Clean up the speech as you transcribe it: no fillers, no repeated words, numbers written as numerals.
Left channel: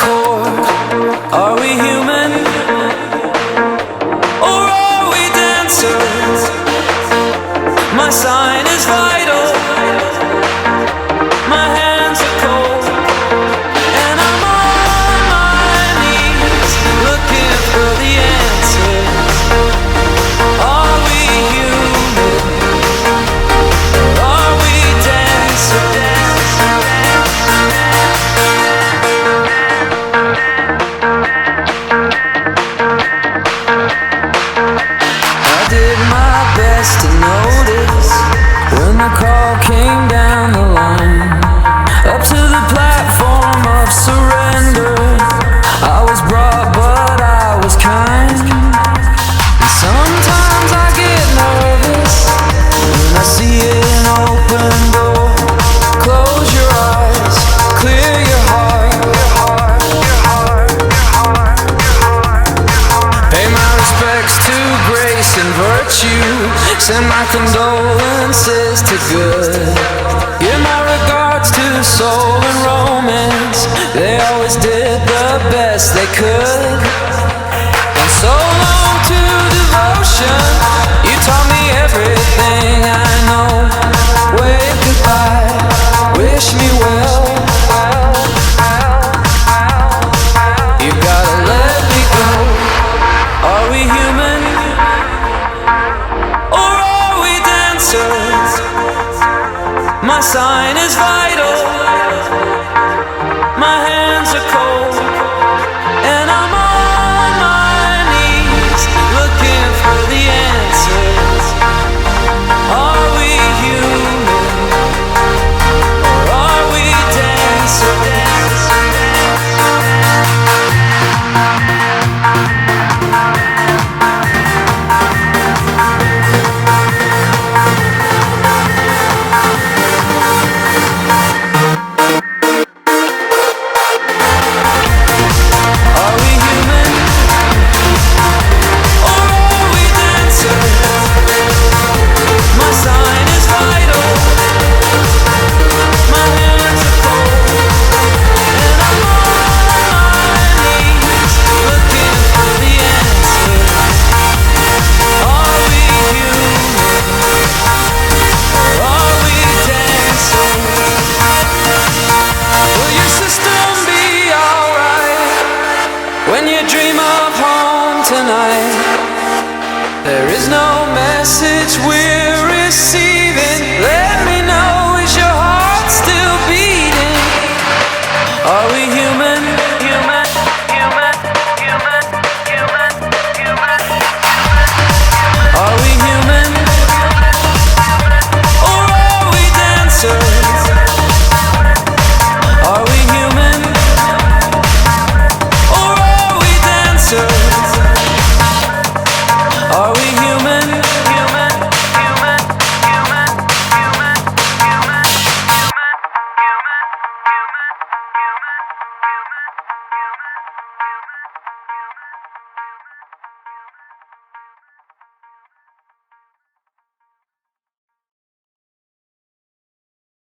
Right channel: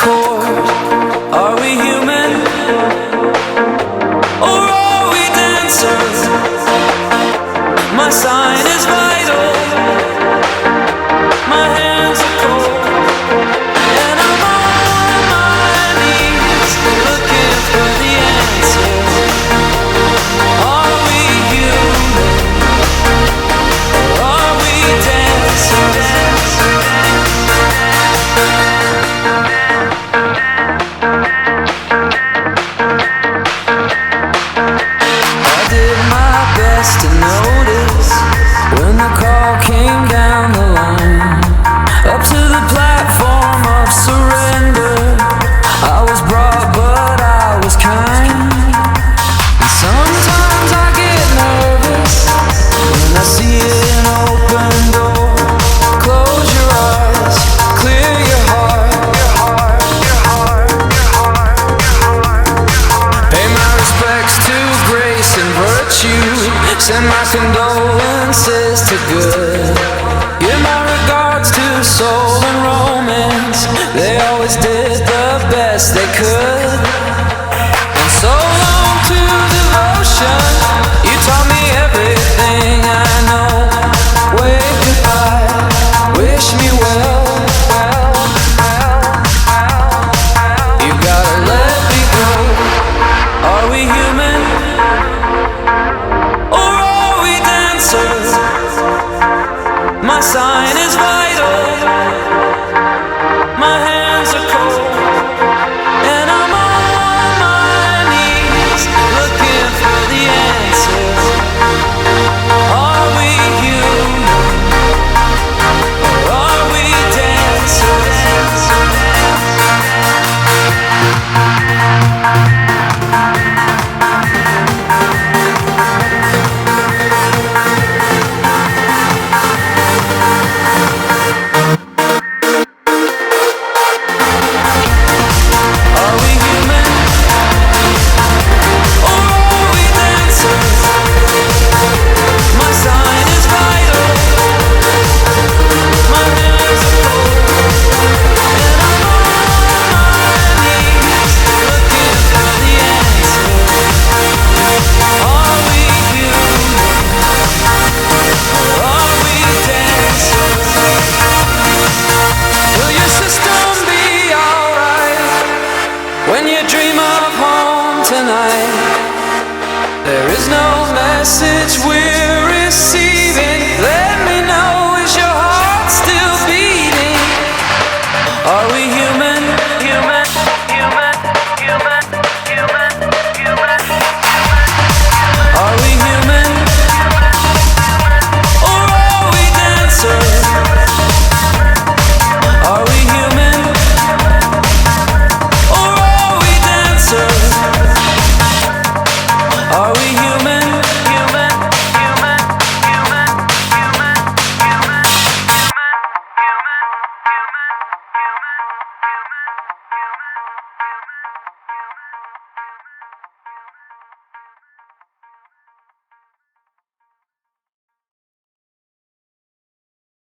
chord. Are we human or are we dancers? My sign is vital, my hands are cold, and I'm on my knees looking for the answer. Are we human or are we dancers? I did my best to notice when the call came down the line, up to the platform of surrender. I was brought, but I was kind. And sometimes I get nervous when I see an open door. Close your eyes, clear your heart, your heart, your heart, your heart, your heart, your heart. Pay my respects to grace and virtue. Send my condolences to good. Give my regards to soul and romance. They always did the best they could. And so long to devotion. You taught me everything I know. Wave goodbye, wish me well, well, well, well, well. You gotta let me go. Are we human or are we dancers? My sign is vital, my hands are cold, and I'm on my knees looking for the answer. Are we human or are we dancers? When you dream of home tonight, there is no message we're receiving.